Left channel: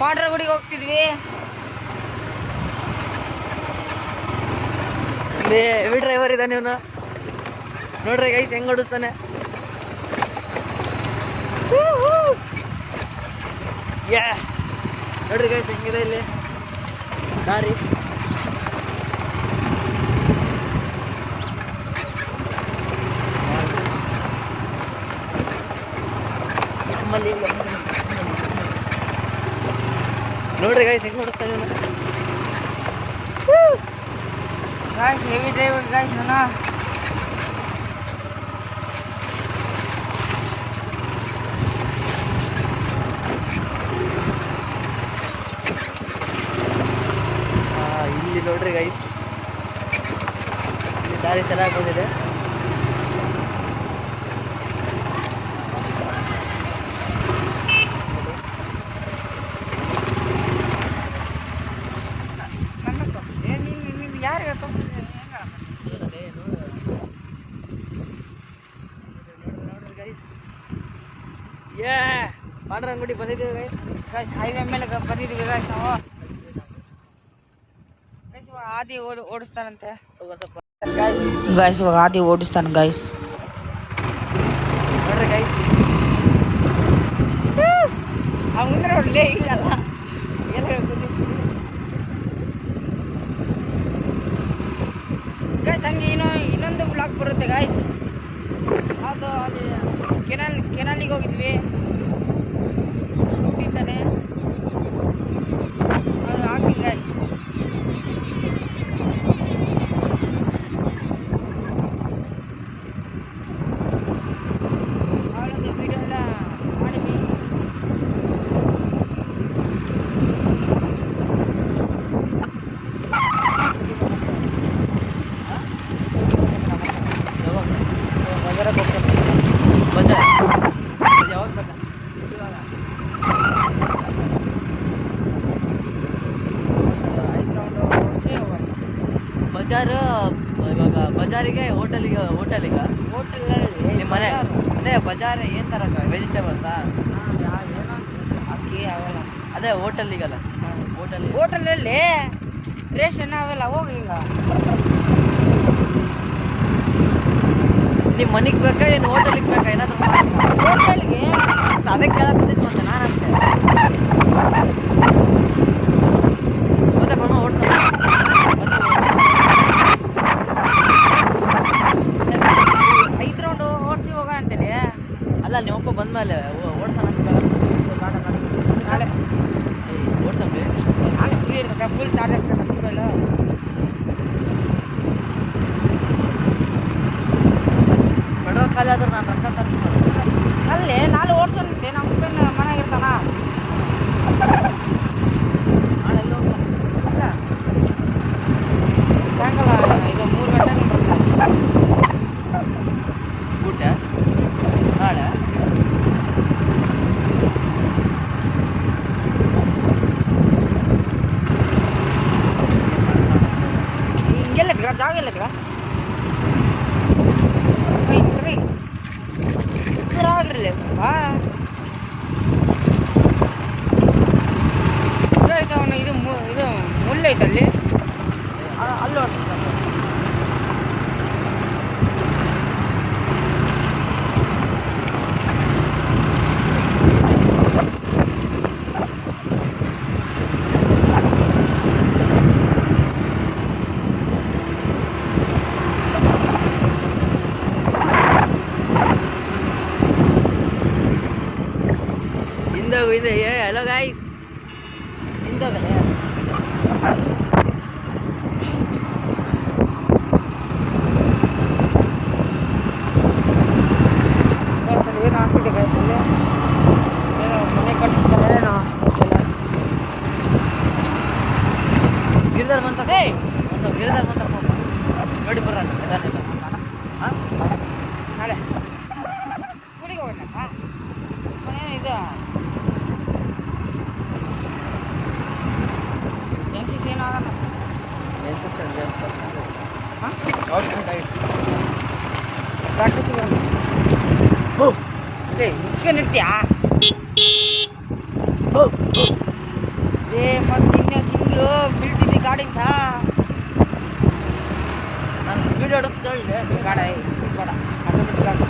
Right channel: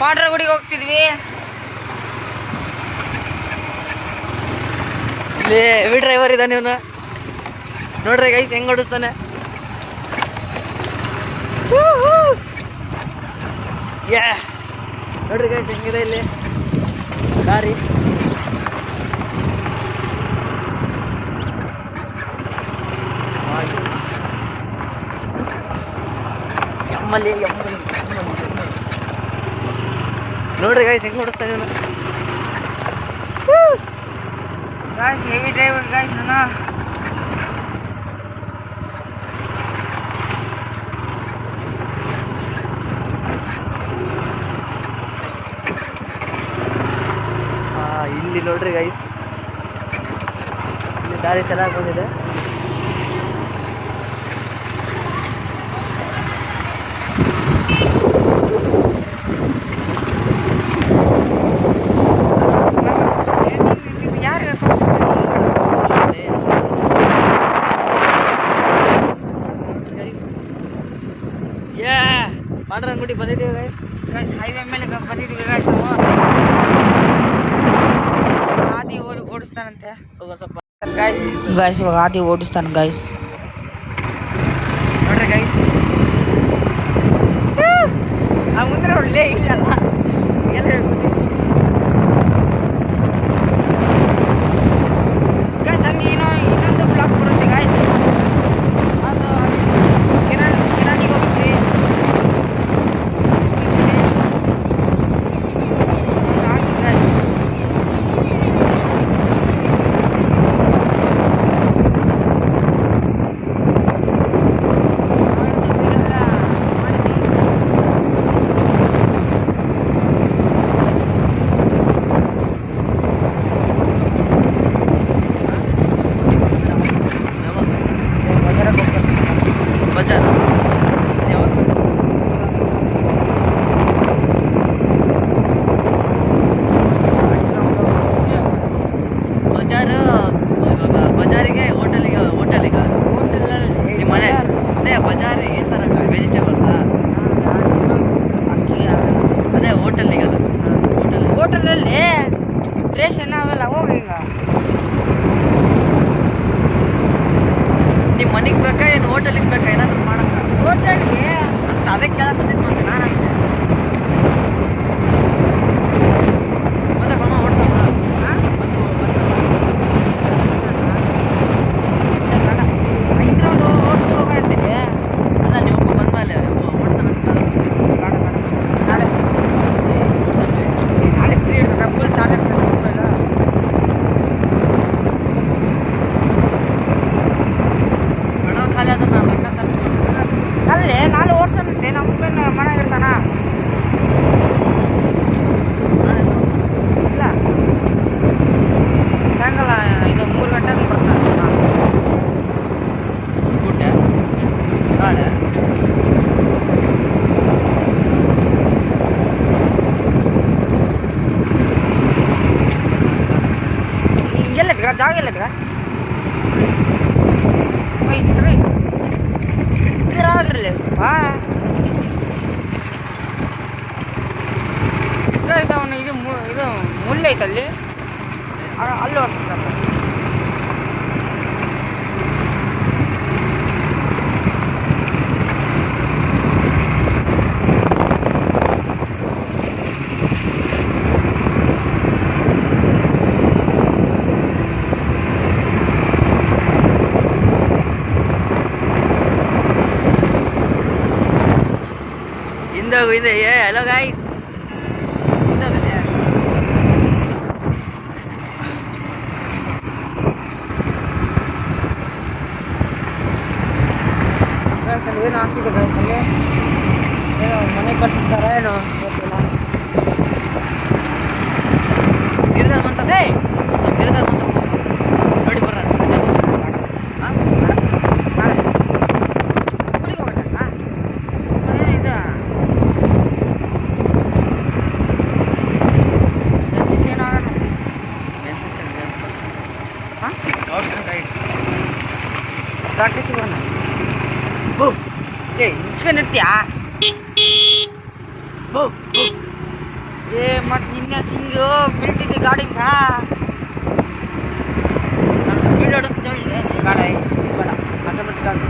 ಪಾಂಡ್ರಗುಡಿಗೆ ಹೋಗ್ತಿದ್ವಿ. ಇಲ್ಲಿ heavy driver ಇದ್ದಾನೆ ಇವನು ನೋಡ್ರಿ ಗೈಸ್ ಹೆಂಗ್ ಓಡಿಸ್ತಾನೆ. ನೋಡ್ರಿ ಗೈಸ್ ಹೆಂಗಿದೆ ಇಲ್ಲಿ ದಾರಿ. ನೋಡ್ರಿ ಗೈಸ್ ಹೆಂಗ್ ಓಡಿಸ್ತಾನೆ ಇವನು. ಗಾಯ್ಸ್ ಹೆವಿ ಡ್ರೈವರ್ ಗಾಯ್ಸ್ ನಾನು. ಇಲ್ಲಿ ನೋಡ್ರಿ ಗೈಸ್ ಇಲ್ಲಿ ದಾರಿ ಚೆನ್ನಾಗಿ ಬಂದಿದೆ. ಪಾಂಡ್ರಂಗುಡಿ ಬಂದಿದ್ದೀವಿ ಗೈಸ್. ಗಾಯ್ಸ್ ಹೈವೇ ಮೇಲೆ ಬಂದಿದ್ದೀವಿ ಗಾಯ್ಸ್ ನಾವು. ಆದಿ ಓಡಿಸ್ತಾನಂತೆ ಸ್ವಲ್ಪ ಗಾಯ್ಸ್ ಇವಾಗ ಆದಿ ಓಡಿಸ್ತಾನೆ ಗಾಯ್ಸ್. ನೋಡ್ರಿ ಗೈಸ್ ಮುಂದೆ ಒಳ್ಳೆ ಇಲ್ಲಲ್ಲ ಎಲ್ಲ ಹೇಳ್ಬೋದು ಗಾಯ್ಸ್. ಹಂಗೆ ಇನ್ನೊಂದು ಬ್ಲಾಗ್ ಬರುತ್ತೆ ಗಾಯ್ಸ್. ಅದು ಕೆನಾಲಿಗೆ ಹೋಗಿದ್ವಿ. ಇವಾಗ ಬಜಾರಿಗೆ ಹೋಟೆಲಿಗೆ ಹೋಟೆಲಿಗೆ ಹೋಟೆಲಲ್ಲಿ ಮನೆ ಅದೇ ಬಜಾರ್ ಏನು ತರಕ ವೆಜಿಟೇಬಲ್ಸಾ ಅದೇ ಹೋಟೆಲಿಗಲ್ಲ ಹೋಟೆಲಲ್ಲಿ ರೇಷನ್ ಅವೆಲ್ಲ ಹೋಗಿ ಹಿಂಗ ನಿಮ್ಮ ಮನೆಗೆ ಬೇಕಾ ಏನು ಹೋಟೆಲಿಗೆ ಬೇಕಾ ಏನಾದರೂ ಹೋಟೆಲ್ಗೆ ಅದೇ ಕೇಳಕ್ ಬಂದಿದ್ದು ನಾನು ಮತ್ತೆ ಬಮ್ಮ ಓಡಿಸೋಣ. ಅಲ್ಲ ನೀವೊಬ್ಬ ಬಂದ್ಮೇಲೆ ನಾಳೆ ಫ್ರೀ ಇರ್ತದೆ ಫುಲ್ ಚಾರ್ಜ್ ಆಗ್ತದೆ ಮೊಬೈಲ್. ಪೆಟ್ರೋಲ್ ಖಾಲಿ ಆದ್ರೆ ನಾನು ಬಟ್ಟ ತರ್ತೀನಿ. ಅಲ್ಲೇ ನಾಳೆ ಓಡ್ತಾನಂತೆ ನಮ್ಮ ಮೊಬೈಲ್ ಮನೆಗೆ ಇರ್ತಾನ. ಇಲ್ಲ ಸಾಯಂಕಾಲ ಇದು 3 ಗಂಟೆಗೆ ಬರ್ತಾನೆ ಸ್ಕೂಟ ನಾಳೆ ಎಲ್ಲದ್ಗ ಜಾಗ ಎಲ್ಲದ್ಗ ಆಗ್ರಲ್ಲ ಬಾ ಅವನು ಇದು ಮುಳ್ಳು ಐತಲ್ಲಿ ಅಲ್ಲಿ ಹೊಡ್ತಾನೆ. ಇದೆ ಹಲೋ ಗೈಸ್ ಹಿಂದಾಗಲ್ಲ ಏನು ಆಗ್ತಿದೆ ಗಾಯ್ಸಲ್ಲಿ ಏನೋ ಮನೆ ಕಟ್ಟಿಸ್ತಾರ ಏನೋ ಗೊತ್ತಿಲ್ಲ. ಗಿರಿದಾರ ಬಂತ ಸ್ವಲ್ಪ ಗಿರಿದಾರ ಬಂತ ನೋಡಿ ಬರ್ರ ನಾಳೆ ಸ್ಕೂಲಿಗೆ ಹೋಗಲ್ಲ ಇದು ಏನಾಗಲ್ಲ ಪ್ರಾಕ್ಟೀಸ್ ಮುಚ್ಕೊಂಡು ಇರ್ತೀಯಾ? ಮತ್ತೆ ನಿನ್ನೆ ಸಿಂಗು ಬೀಳ್ತಿದ್ದೆ ಗಾಡಿಂದ. ನಾನು ಸ್ಪೀಡ್ ಹೊಡೆದು ಹೇಳಿದೆ. ಬೇಡ ಸ್ಪೀಡ್ ಬೇಡ, ಆಟೋಮೆಟಿಕ್ ಆಗಿ.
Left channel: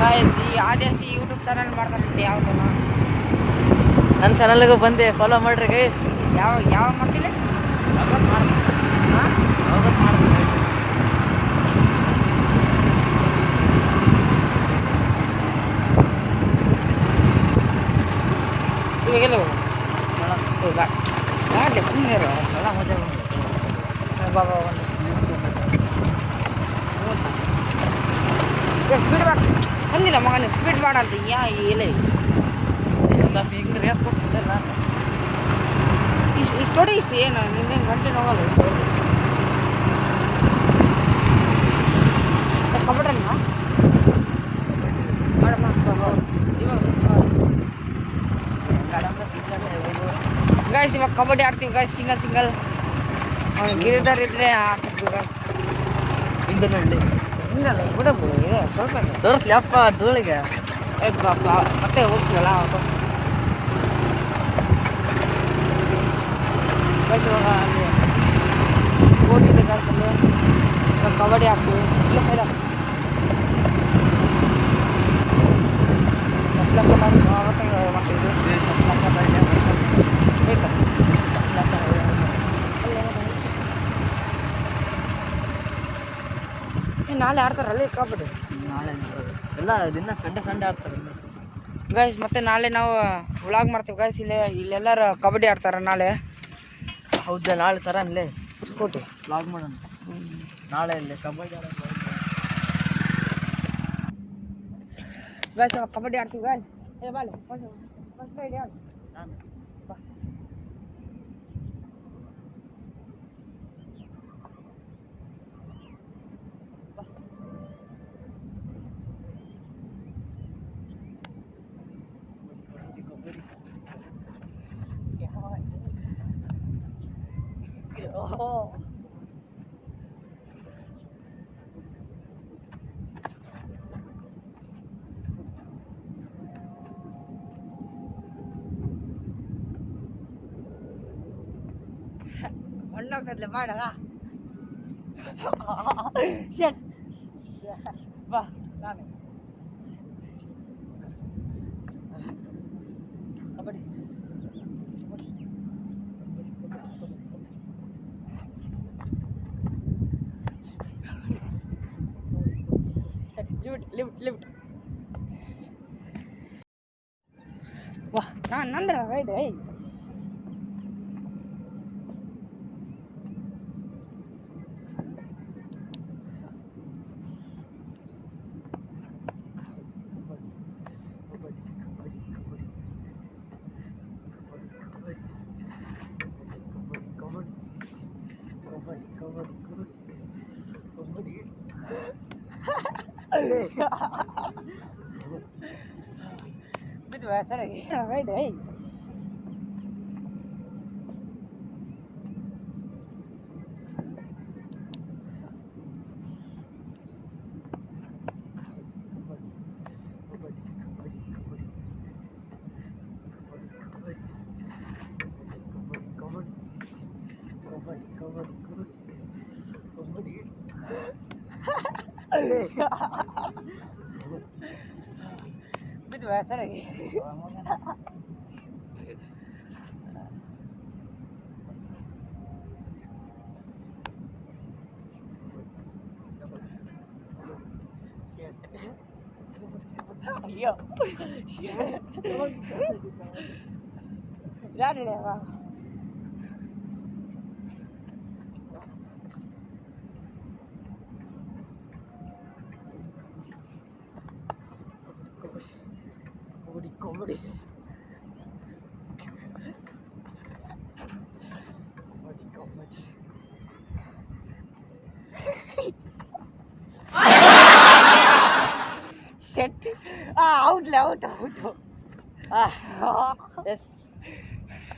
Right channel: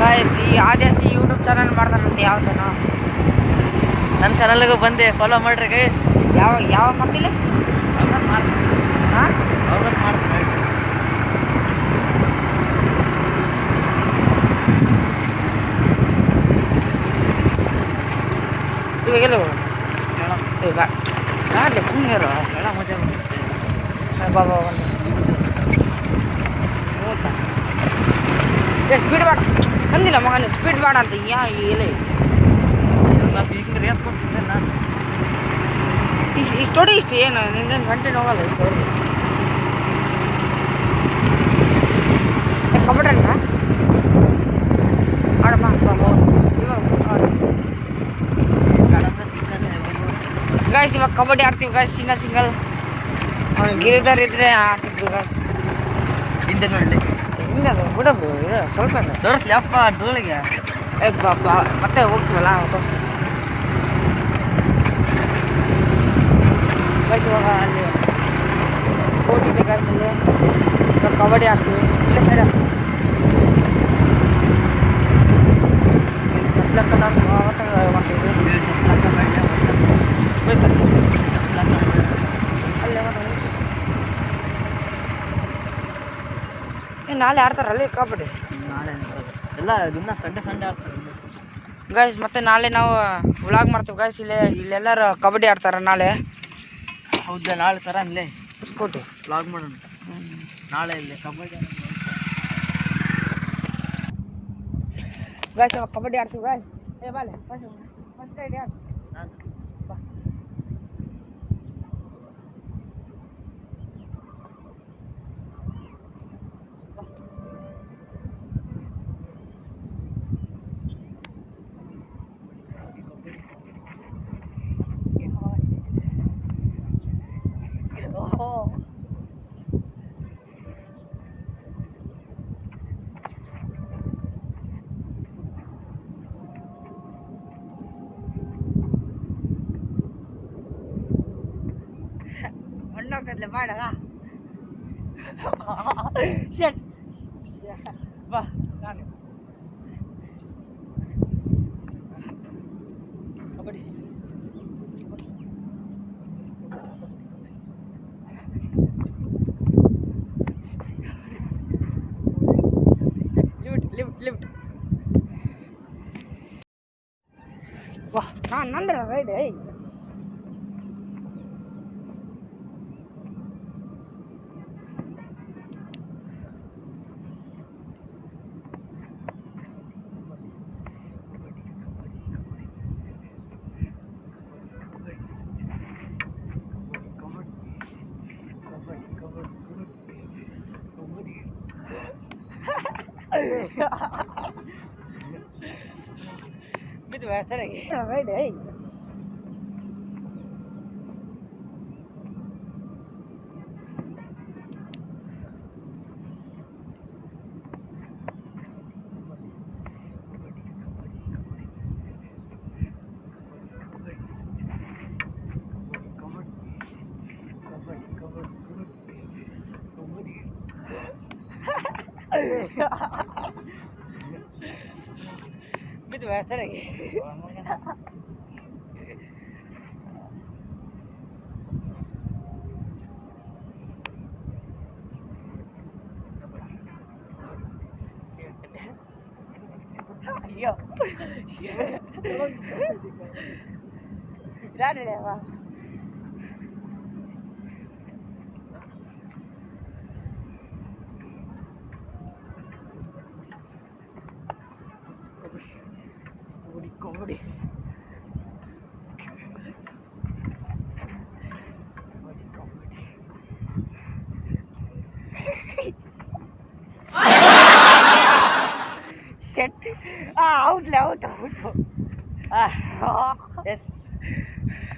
ಗಾಯ್ಸ್, ಈ ಆದೇಶ್ ಯೂಟ್ಯೂಬ್ ಚಾನಲ್ ಮಾಡ್ತಾರಂತೆ ಯಾವ್ದನ. ನನ್ನ ಚಾನಲ್ಗೂ ಬಂದೆ ಫಾಲೋ ಮಾಡ್ರಿ ಗೈಸ್. ಯಾವ ಮಾಡ್ತಿಲ್ಲ ಯಾವಾಗ ಮಾಡ್ತೀನಿ, ಹಾಂ ಯಾವಾಗ ಮಾಡ್ತೀನಿ. ಇವಾಗೆಲ್ಲ ನೋಡೋಣ. ಈಗ ಮಾಡಲಿ ಸುಮ್ಮನೆ ಎಲ್ಲ ಮಜಾ ಬಂಗುತ್ತೆ. ಬಾಬಾ ಒಂದು ಸ್ಪೀಡ್ ಬೇಡ ಅಂದಿಲ್ಲ ಮಗನ, ಸ್ಪೀಡ್ ಬೇಡ ಅಂತ ಎಲೆ ಸ್ವಲ್ಪ ಈಗ ರೇಸ್ ಕೊಡ್ತೀನಿ ನಾನು. ಇಷ್ಟು ಹೊಡಿ ಇಷ್ಟು ಏನು ನಿನ್ನೇನು ಗಂಟೆ ಹೋಗಲ್ಲ ಇಷ್ಟು ಹೊಡಿ. ಕಬಡ್ಡಿ ಮಾಡಮ್ಮ ಇವಾಗ ಗಾಯ್ಸ್, ಇವಾಗ ಕಬಡ್ಡಿ ಆಡ್ತೀವಿ ಗಾಯ್ಸ್, ಸಿಂಗಲ್. ಅವ್ನು ಗಿರಿದಾರ ಇದ್ರೆ ಆಡ್ತಿದ್ವಿ ಗಾಯ್ಸ್. ಹಿಂದೆ ನೋಡಲಿ, ಹಿಂಗಲ್ಲ ಬಿಡಬು, ಇದು ಸ್ವಲ್ಪ ತೋರಿಸ್ಲಿ ಅಪ್ಪ ಧೂಳಿಗೆ. ಮತ್ತೆ ಹೋಗ್ತೀವಲ್ಲ ಗಾಯ್ಸ್. ಇವಾಗ ಅಲ್ಲಿ ಕೋರ್ಟ್ ಇದೆ ಗಾಯ್ಸ್, ಅಲ್ಲಿ ಇವಾಗ ಕಬಡ್ಡಿ ಆಡ್ತೀವಿ. ಇಲ್ಲೇ ಸೈಡ್ ಚಪ್ಲಕ್ಕ ನಾವು ಮಾಡ್ತೀವಿ. ನಾಳೆ ಆಡ್ತಾರಲ್ಲಿ ಕಬಡ್ಡಿ. ನಾಳೆ ಎಲ್ಲ ದಿನ ಸಂಡೆ ಆಡ್ತಾರೆ ಗಾಯ್ಸ್. ಮತ್ತೆ ನಾಳೆ ನಾವು ವ್ಲಾಗ್ ಮಾಡ್ತೀವಿ ಗಾಯ್ಸ್. ಇಲ್ಲೆಲ್ಲರೂ ಕಬಡ್ಡಿ ಆಡ್ತಾರೆ ನಾಳೆ. ಹೌದಾ? ನಾಳೆ ಥರ ಅಲ್ಲೇ ಸ್ಕೂಟಿ ವ್ಲಾಗ್ ಮಾಡೋಣ ನಾಳೆ ಇಲ್ಲೇ ಕಬಡ್ಡಿ ಗಾಯ್ಸ್. ಇವಾಗ ಕಬಡ್ಡಿ ಆಡ್ತೀವಿ ಗಾಯ್ಸ್. ಬಾಲೆ ಫಸ್ಟ್ ರೈಡ್ ಯಾರು? ನಾನು ಬಾ. ಮಣ್ಣೋಗ್ತದ್ಲೆ ಮಾಡಾಗ ಶಟ್ ಬಾ. ನಾನು ಕಬಡ್ಡಿ ಲಿಫ್ಟ್ ವಾ. ನಾನು ನಂದ್ರ ರೈಡ್ ಬಿದ್ದು ಸರಿಯಾಗಿ ರೈಡ್ ಬಿದ್ದು ಸರಿಯಾಗಿ ಅಯ್ಯೋ ಇದಾದಿಲ್ಲ comedy. Shit. Out. Yes.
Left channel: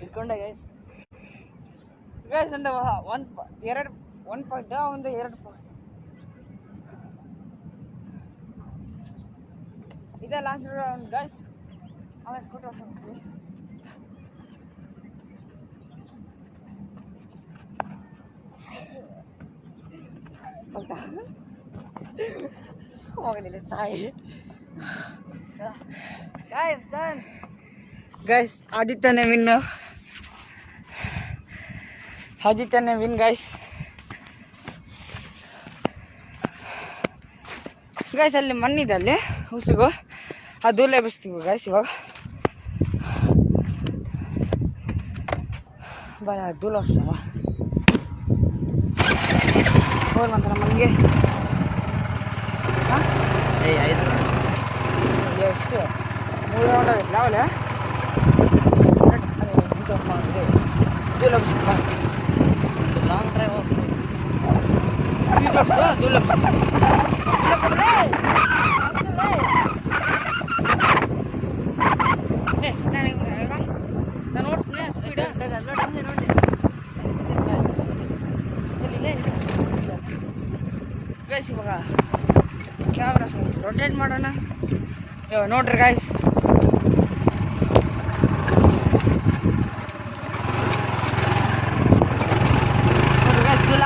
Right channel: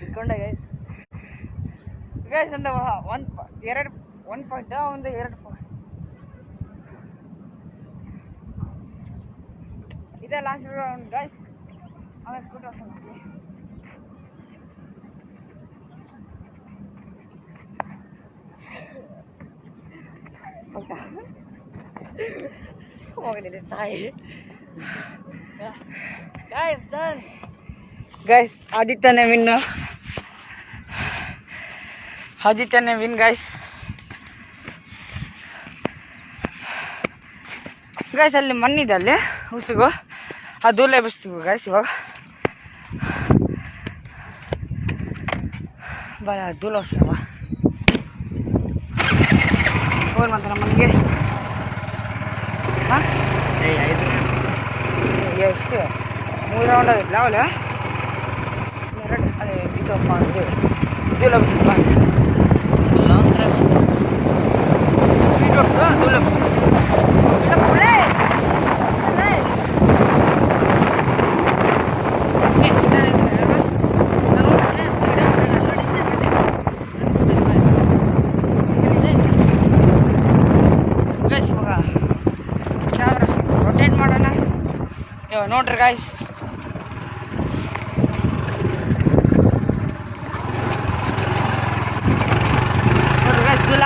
Ikonda guys. Guys, and the one point down the 2 point. ಇದೇ ಲಾಸ್ಟ್ ರೌಂಡ್ ಗೈಸ್. ಆಮೇಲೆ ಸ್ಕೂಟರ್ ಹೋಗ್ತೀವಿ. ಹೋಗಲಿಲ್ಲ ಸಾಯಿ ಗೈಸ್. ಆದಿತ್ಯನೇ ವಿನ್. ಆದಿತ್ಯನೇ ವಿನ್ ಗೈಸ್. ಗೈಸ್ ಅಲ್ಲಿ ಮಣ್ಣಿದೆ, ಅಲ್ಲಿ ಹುಸಿಗು ಅದು ದೂಲೆ ಎಬ್ಬಿಸ್ತೀವಿ ಗೈಸ್. ಇವಾಗ ಬರ ದೂಲ ವರ್ಷವ ಹೋಗಿ ಮಾತ್ರ ಮನೆಗೆ. ಎಷ್ಟು 3 ರೌಂಡ್ ಆಗಿಲ್ಲ ಅವಲ್ಲ. ಇದಪ್ಪ ಅಂದರೆ ದೂಲ ಎಬ್ಬಿಸ್ಕೊ ಸ್ಪೀಡ್ ಹೊಡ್ಸು ದೂಲ ಇವಾಗ ಕ್ಯಾಮ್ರಾ ರೊಟೇಟ್ ಮಾಡೋಣ. ನೋಡ್ರಿ ಗಾಯ್ಸ್, ನೋಡ್ರಿ ಗಾಯ್ಸ್ ದೂಲ.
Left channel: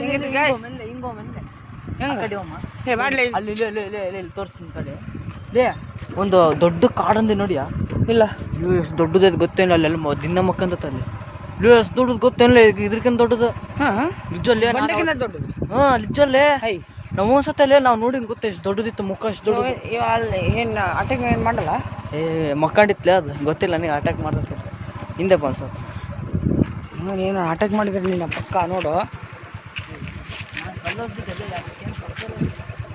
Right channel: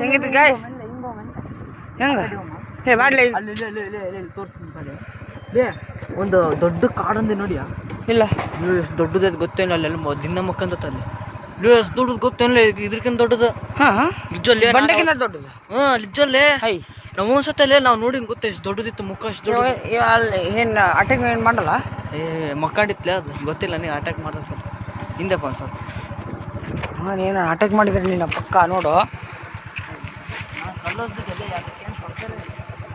ಹೆಂಗಿತ್ತು ಗಾಯ್ಸ್? ಹೆಂಗೆ ಮಾಡ್ಲಿ ಅಲ್ಲಿ ತೋರಿಸ್ತೀನಿ ಕಡೆ. ಒಂದು ದೊಡ್ಡ ಕಾಡೊಂದು ನೋಡಿಯಾ? ಇಲ್ಲ ಎಷ್ಟು ದೊಡ್ಡದು ಗೊತ್ತೇನಿಲ್ಲ. ಅಲ್ಲೆಲ್ಲ ದಿನ ಮಕ್ಕಂತ ಅಲ್ಲಿ ಎಷ್ಟು ದೊಡ್ಡದು ಗೊತ್ತೇನಿಲ್ಲ. ಇದಕ್ಕಿಂತ ದೊಡ್ಡದು. ನಿಜಲ್ಲೇ ಬಂಡೆಗಿಂತ ದೊಡ್ಡದು. ನಿಜಲ್ಲೇ. ಹೈ ನಾವು ಒಂದ್ಸತ್ತಲ್ಲೇ ನಾವು ನೋಡಿ ಗೊತ್ತ ಎಷ್ಟು ದೊಡ್ಡದಿತ್ತು ಮುಖ. ಅಷ್ಟು ಅಲ್ಲಿ ಏನು ಅಟ್ಯಾಕ್ ಏನು ಮಾಡಲ್ಲ. ಮಕ್ಕಾಡಿತ್ಲೆ ಅದು ಗೊತ್ತಿಲ್ಲ ನನಗೆ. ಅಟ್ಯಾಕ್ ಮಾಡ್ತೈತೆ ಹಿಂದೆ ಬಂದು ಸ್ವಲ್ಪ. ಏನು ಅಟ್ಯಾಕ್ ಮಾಡಿದ್ರೆ ನೀನು ಪಕ್ಕ ನೋಡು.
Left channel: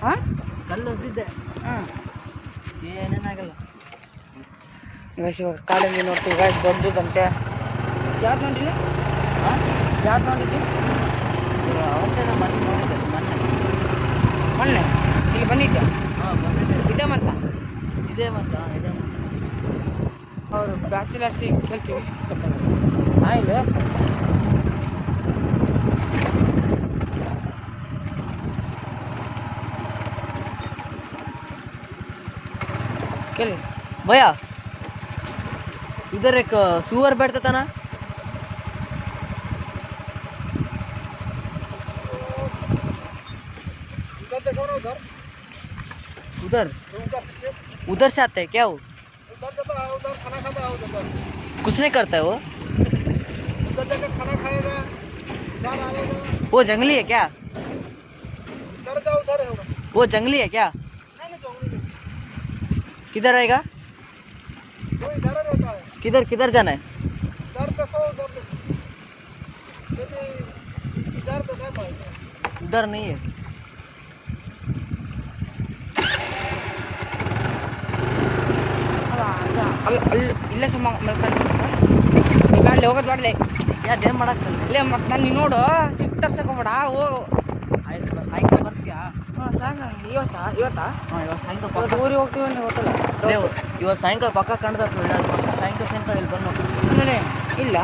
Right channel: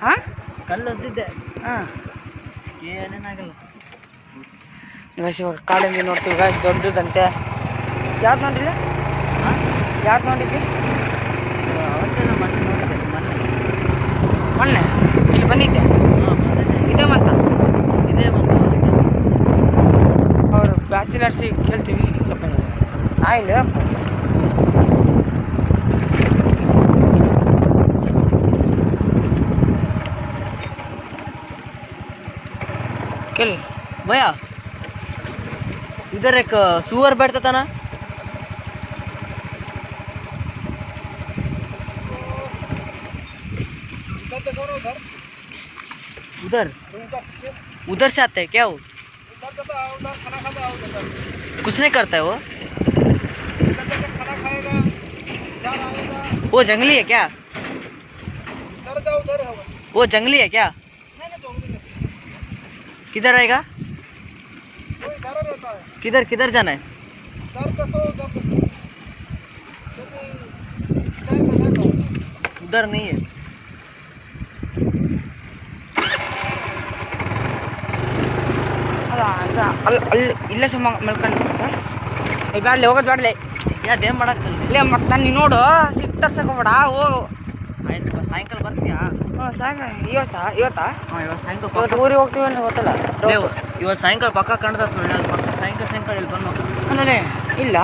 ಹಾಂ ಕಲ್ಲು ಹೊಸ್ದಿದ್ದೆ. ಹಾಂ ಏನೇನಾಗಲ್ಲ ಗೈಸ್. ಇವಾಗ ಕಾಡಲ್ಲಿ ನೋಡ್ತೀವಿ ಗೈಸ್, ದೊಡ್ಡದಂತೆ. ಯಾವ್ದು ನೋಡಿಲ್ಲ? ಯಾವ್ದು ನೋಡಿದ್ವಿ? ಅವತ್ತೇ ನಾವು ಮೊನ್ನೆ ನೋಡಿದ್ದೆ. ಮೊನ್ನೆ ಇಲ್ಲಿ ಬಂದಿದ್ದೆ. ಇದೇ ಮಂತ ಇದೇ ಮತ್ತು ಅವರು ಬ್ಯಾಚುಲರ್ಸಿಗೆ ಕೇಳ್ತೀವಿ. ಇಲ್ಲ ಕೇಳಿ भैया इधर एक सुअर बैठता था ना, उधर उधर से आता है क्या वो? उधर खाना खाता है उधर। कुछ नहीं करता है वो? उधर जाके खाना खाएगा, इधर आएगा। वो जंगली है क्या? उधर जाओ, उधर है वो जंगली है क्या? नहीं जंगली में। किधर आएगा? वो इधर रहता है। किधर किधर जाना है? उधर देखो, उधर देखो। इधर बना है। उधर नहीं है। ಅಲ್ಲಿ ಅಲ್ಲಿ ಇಲ್ಲೇ ಸುಮ್ಮ ಮಲ್ಕೊಂಡು ಬ್ಯಾಡ್ಲೆ ಹೋಗೋದು ಬ್ಯಾಡ್ಲೆ. ಯಾವ್ದೇನು ಮಾಡಕ್ಕೆ ಇಲ್ಲೇ ಮತ್ತೆ ನಾನು ನೋಡು ಸಿಟ್ಟು ತರ್ಸಕೋಬೇಡ. ಹೋಗು ಆಯ್ತು. ಸಾಯಂಕಾಲ ಬರ್ತೀಯಾ? ಹಾಂ ಸಾಕ. ಇವತ್ತಾ? ಹಾಂ ಇವತ್ತು ಸಾಯಂಕಾಲ ಇವತ್ತು ಊರಿಗೆ ಹೋಗ್ತೀವಿ ಅಂತ ಗೊತ್ತಲ್ಲ. ಇವತ್ತು ಸಾಯಂಕಾಲ ಪಕ್ಕ ಕಾಣ್ತದೆ ನೋಡಿ. ಅದು ಪಕ್ಕ ಸಾಯಂಕಾಲ ಇಲ್ಲಿ ಬಂದು ಆಮೇಲೆ ಇಲ್ಲ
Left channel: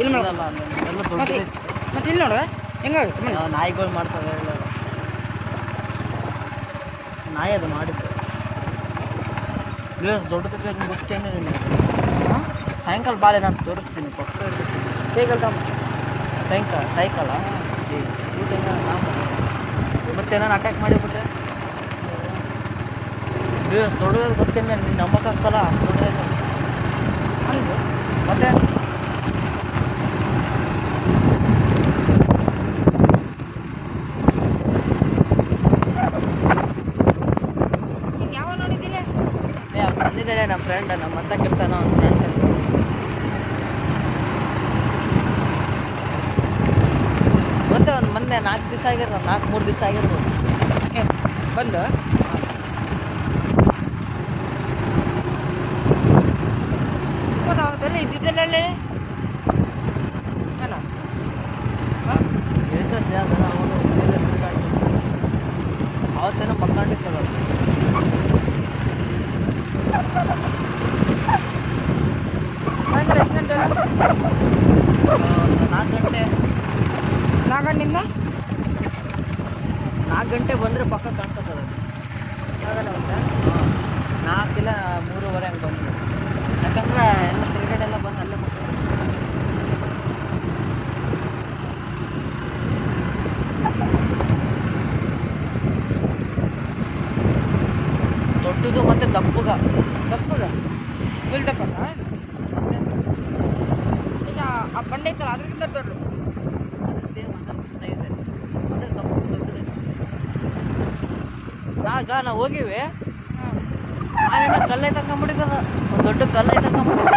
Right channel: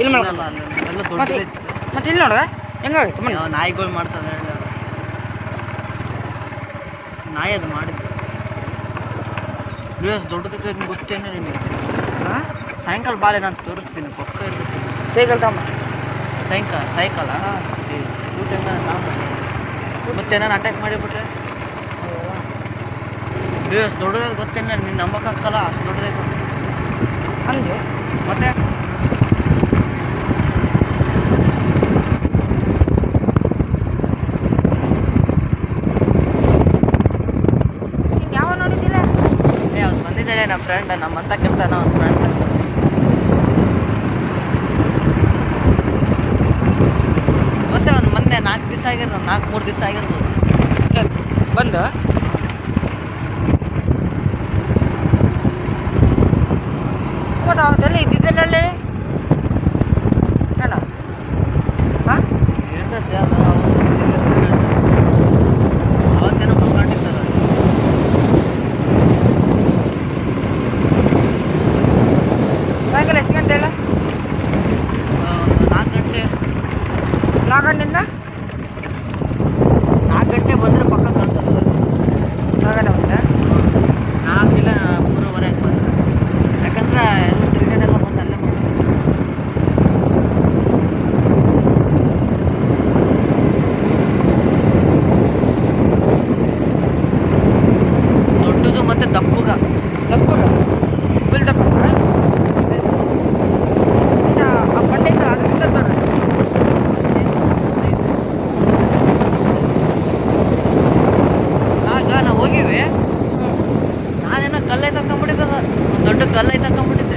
ಇಲ್ಲಿ ಮಲ್ಕೊಂಡು ಎಲ್ಲ ಮತ್ತೆ ದೊಡ್ಡ ಮತ್ತೆ ಇಲ್ಲಿ ನೋಡುವ ಹೆಂಗಾಗಿತ್ತು ಮನೆ. ನಾಯಿಗಳು ಮಾಡ್ತದೆ ಎಲ್ಲ. ನಾಯಿ ಅದು ಮಾಡಿದ್ದು ನೀವು ದೊಡ್ಡದಕ್ಕೆ ಗೊತ್ತೇನೆ ನಿಮಗೆ. ಹಾಂ ಸಾಯಂಕಾಲ ಬಾಳೆ ನಾನು ತೋರಿಸ್ತೀನಿ, ಪಕ್ಕ ಇರ್ತೈತಿ. ಸೈಕಲ್ ತಮ್ಮ ಸೈಕಲ ಊಟ ಮತ್ತೆ ನಾನು ಅಟ್ಯಾಕ್ ಮಾಡಿಬಿಟ್ರೆ ನೀವು ಅಷ್ಟು ದೊಡ್ಡದಾಗ ಗೊತ್ತೇನೆ. ನೀನು ನಂಬಕ್ಕಾಗ್ತಲ್ಲ ಅಷ್ಟು ದೊಡ್ಡದಾಗ ಅಂದೆ ಮತ್ತೆ ನೀನು ಯಾವ ನೋಡಿದ್ದಿಲ್ಲ? ಅವ್ನು ಬಂದಿದ್ದಾಳೆ ನಮ್ಮ ಫ್ರೆಂಡ್, ನಮ್ಮಂತ ಕೆಲ್ತಾನ ಅವ್ನ ಫ್ರೆಂಡ್. ಮತ್ತೆ ಒಂದು ಮೊನ್ನೆ 4 ದಿವಸ ಆಗಿರ್ಬೋದು, 4-3 ದಿವಸ ಆಗಿರ್ಬೋದು ಬಂದು. ಮತ್ತು ಅವತ್ತೆಲ್ಲ ಇದ್ದಿದ್ದಲ್ಲೇ ಏನ? ಹಾಂ ಇರ್ತದೆ ಅದು. ಅವತ್ತೇನೋ ಮಕ್ಕೊಂಡಿರ್ತದ. ಸಾಯಂಕಾಲ ಎಷ್ಟು ಗಂಟೆ ಹೇಳ? ಒಂದು 4 ಗಂಟೆ. 4 ಗಂಟೆಯಿಂದ 4 ಗಂಟೆ ಬಂದರೆ ಪಕ್ಕ ಕಾಣ್ತದೆ. 4 ಗಂಟೆ ಬಂದರೆ 4 ಇಲ್ಲ 3:15 ಹಂಗೆ ಬಂದು, ಯಾಕಂದ್ರೆ ಎಲ್ಲ ತಿರುಗಾಡೆಲ್ಲ ಬಂದು ಅಲ್ಲೇ ದೊಡ್ಡದು ಮತ್ತೆ ದಪ್ಪಗ ಫುಲ್ ದಪ್ಪ. ಆ ಬಂಡೆ ಇತ್ತಲ್ಲ ಅದರಿಂದ ದೊಡ್ಡ. ಆಗ ನಾವು ಹೋಗಿವಿ, ನಾನೇನೋ ಕಲ್ಲೈ ತಕೊಂಬಿಟ್ಟಿದ್ದದ, ಒಂದು ದೊಡ್ಡ ಕಲ್ಲೈ ತಕೊಂಬಿಟ್ಟಿದ್ದ.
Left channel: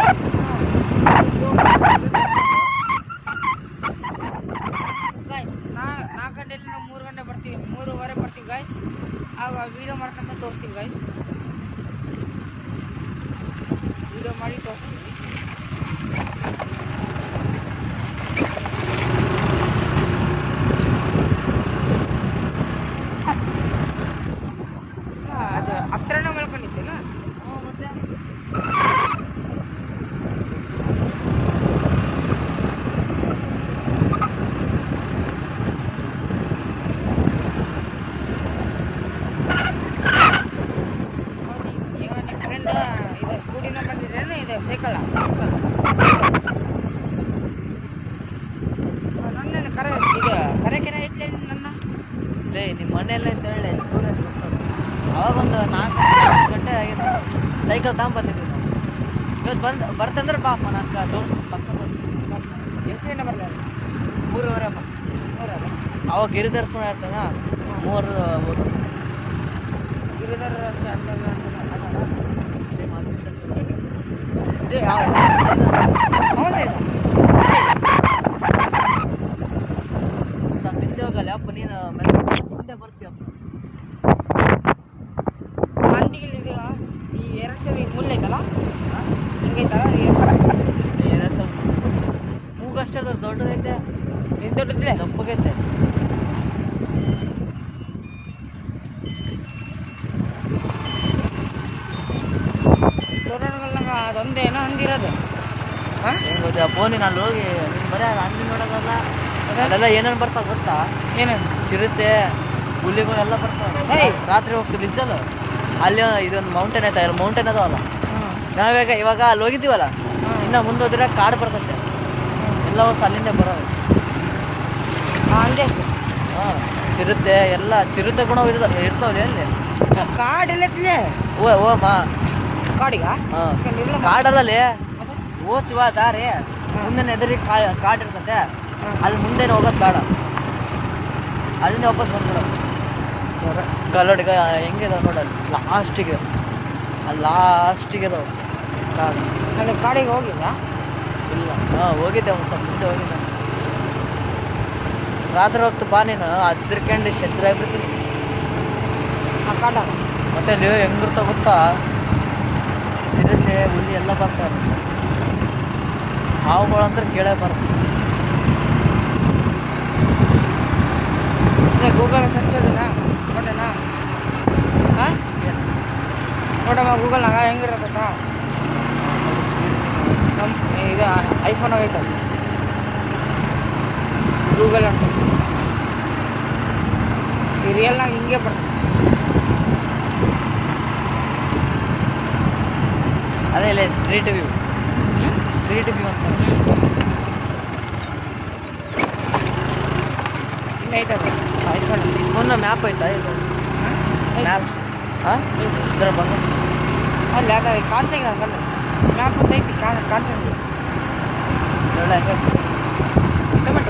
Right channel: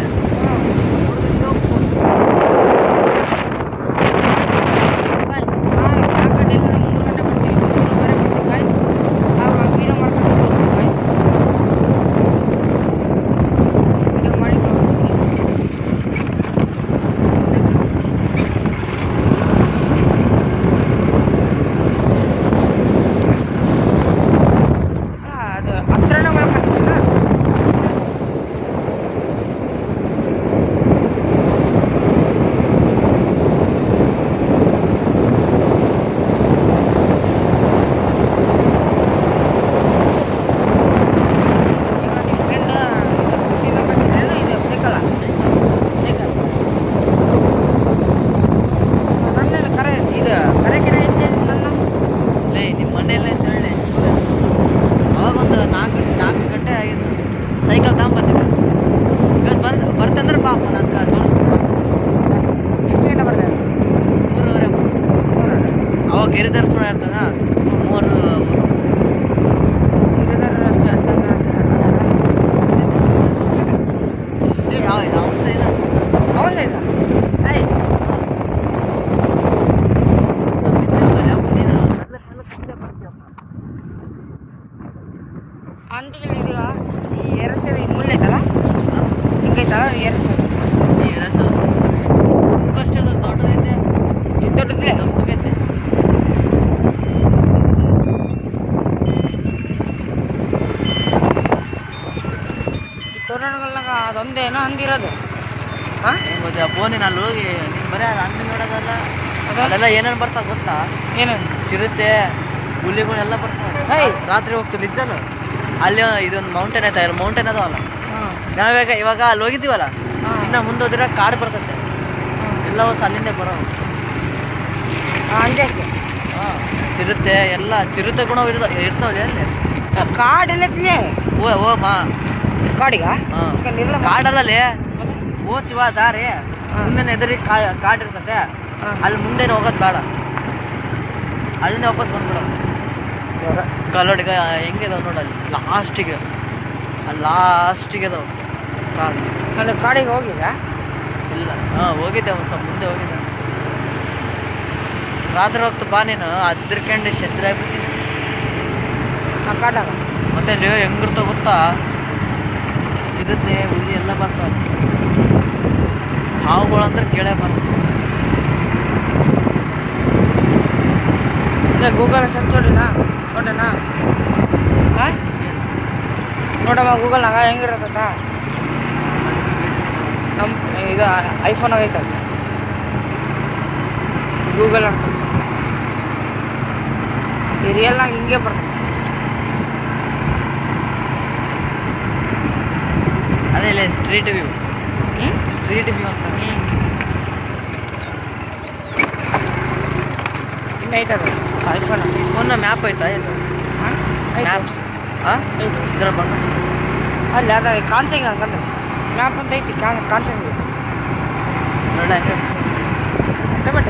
ಅವಾಗೊಂದು 4 ಗಂಟೆ ಆಗಿತ್ತು, ಸೈಕಲ್ ತಗೊಂಬರ್ತಿದ್ದೆ. ಇವತ್ತು ಬರ್ತಂದ್ರೆ ಪಾಪ ನಂಗೆ ತೋರಿಸ್ಬಿಟ್ಟು ಎಷ್ಟು ಗಂಟೆ ಬರ್ತದೆ? 3:30 ಅವಾಗ ಗಿರಿಧರ್ಸಣ ಇರ್ತಾನ 3 ಗಿರಿಧರ್ ಈ ಮುಳ್ಳು ಐತಲ್ಲ ಹಿಂಗೈತಲ್ಲ ದೊಡ್ಡದೈತೆ, ಎಷ್ಟು ದೊಡ್ಡದಿದೆ? ದಪ್ಪಗೈತೆ. ಈ ತೋರಣಗಳನ್ನಾಗ ಅದೊಂದೇನೋ ಹಂದಿರೋದು. ಹಾಂ ಹೆಂಗೆ ಗೊತ್ತಾ ಫೋನಿನ ಅಲ್ಲಿ ಹೋಗಿ ನಿನ್ನ ಬರೀ ಅದು ಹಂದಿ ನೋಡೋದಲ್ಲ, ಅದೆಲ್ಲ ಏನೇನು ಬರ್ತಾವೆ ಗೊತ್ತಾ? ಏನೇನು ಚಿರತೆ, ಹುಲಿಗಳೆಲ್ಲ ಬರ್ತಾವೆ. ರಾತ್ರಿ ಹೋಗ್ತದೆ ನಿಜಲ್ಲ. ಅಲ್ಲಿ ಇದೊಂದು ಮೌಂಟೇನ್ ಐತೆ, ಮೌಂಟೇನ್ ಅದಾವಲ್ಲ, ನಾವಾಗ ಇವಾಗ ಅಲ್ಲಿ ಹೋಗಿದ್ದೀವಲ್ಲ, ಇನ್ನು ಮುಂದೆ ಹೋದ್ರೆ ಕಾಡು ಬರ್ತೈತೆ, ಎಲ್ಲ ಹೊಸ ಅಲ್ಲಿಂದ ಬರೋದು. ಹಂಗೆ ಅಷ್ಟೇ. ಹಾಂ, ಚಿರತೆ ಎಲ್ಲ ಚಿರತೆ ಗುಣ ಇರ್ತಾವಲ್ಲಿ ಅಲ್ಲಿ. ಕಾಡೆಲ್ಲತ್ತಿದೆ ಓ ಮಾ ಕಾಡಿಗ ಹಾಂ, ಕಾಡಲ್ಲಲ್ಲಿ ಓದ್ತೀವ ದಾರಿ ಮುಂದೆ ಎದುರಿ ಕಾಡು ಇರ್ತತೆ, ಅಲ್ಲಿ ಮುಂದೆನೇ ಹೋಗೋದು ಬೇಡ, ಅಲ್ಲಿಂದ ವಾಪಸ್ ಬಂದ್ಬಿಡೋದು. ಕಲ್ಲೋಡಿಗ ಹೆಂಗಿದಾವೆ ನೋಡಲ್ಲಿ ಲಾಸ್ಟಿಗೆ ಅದಾವೆ ಕಾಡು. ನಾನು ಕಾಡಿಗೆ ಹೋಗಿದ್ದ ಇಲ್ಲ, ಹೋಗಿದ್ದೆ ಒಂದು ಸ್ವಲ್ಪ ಮುಂದೆ ಹೋಗಿದ್ದೆ. ರಾತ್ರಿ ಹೊತ್ತು ಬಾ ನೀನು, ಅದ್ರಕಂಡು ಸೆದ್ರೆ ಆಗ್ಬಿಟ್ಟು ಆ ಕಾಡಾಗ. ಮತ್ತೆ ನೀವು ಹೆಂಗಿರ್ತಾವ ಗೊತ್ತಾ, ಸಿಗುತ್ತೆ ಹುಲಿ ಎಲ್ಲ ಬರ್ತಾವೆ, ಹಾವುಗಳು ಅಂದ್ರೆ ಕೇಳೇ ಬರ್ತವೆ. ಗೂಗಲ್ ಸರ್ಚ್ ಹೊಡಿನಾ ಹಾಂ ನೋಡಮ್ಮ ಗೂಗಲ್ನಾಗ ಹೆಂಗಿರತ್ತ. ನಮ್ಮ ಇದು ಐಫೋನಾಗ ಐತಲ್ಲ ಗೂಗಲ್ ಅಂತ, ಈ ರಿಯಲ್ನಾಗ ಹಿಂಗೆ ಬರ್ತದೆ. ಅದೇ ಸ್ಟ್ರೀಟ್ ವ್ಯೂ ಅಂತ ಇನ್ನು ಐತದ ಐಫೋನ್. ಈ ಫೋನ್ನ ಮ್ಯಾಪ್ ಐತಾ ಇದು? ಹಾಂ ಮ್ಯಾಪ್ಸ್ ಹಾಂ ಇದರ ಬಂದು ಅಲ್ಲಿ ಅದ ಕಾನ್ಸಂಗ್ ಅಂತಂದ್ರೆ ಮ್ಯಾಪ್ ಅಂತ ಐತಿ ಕಾನ್ಸಂಗ್ ಒಳ್ಳೆ ಹಂಗೆ ಟೊಮೆಟೊ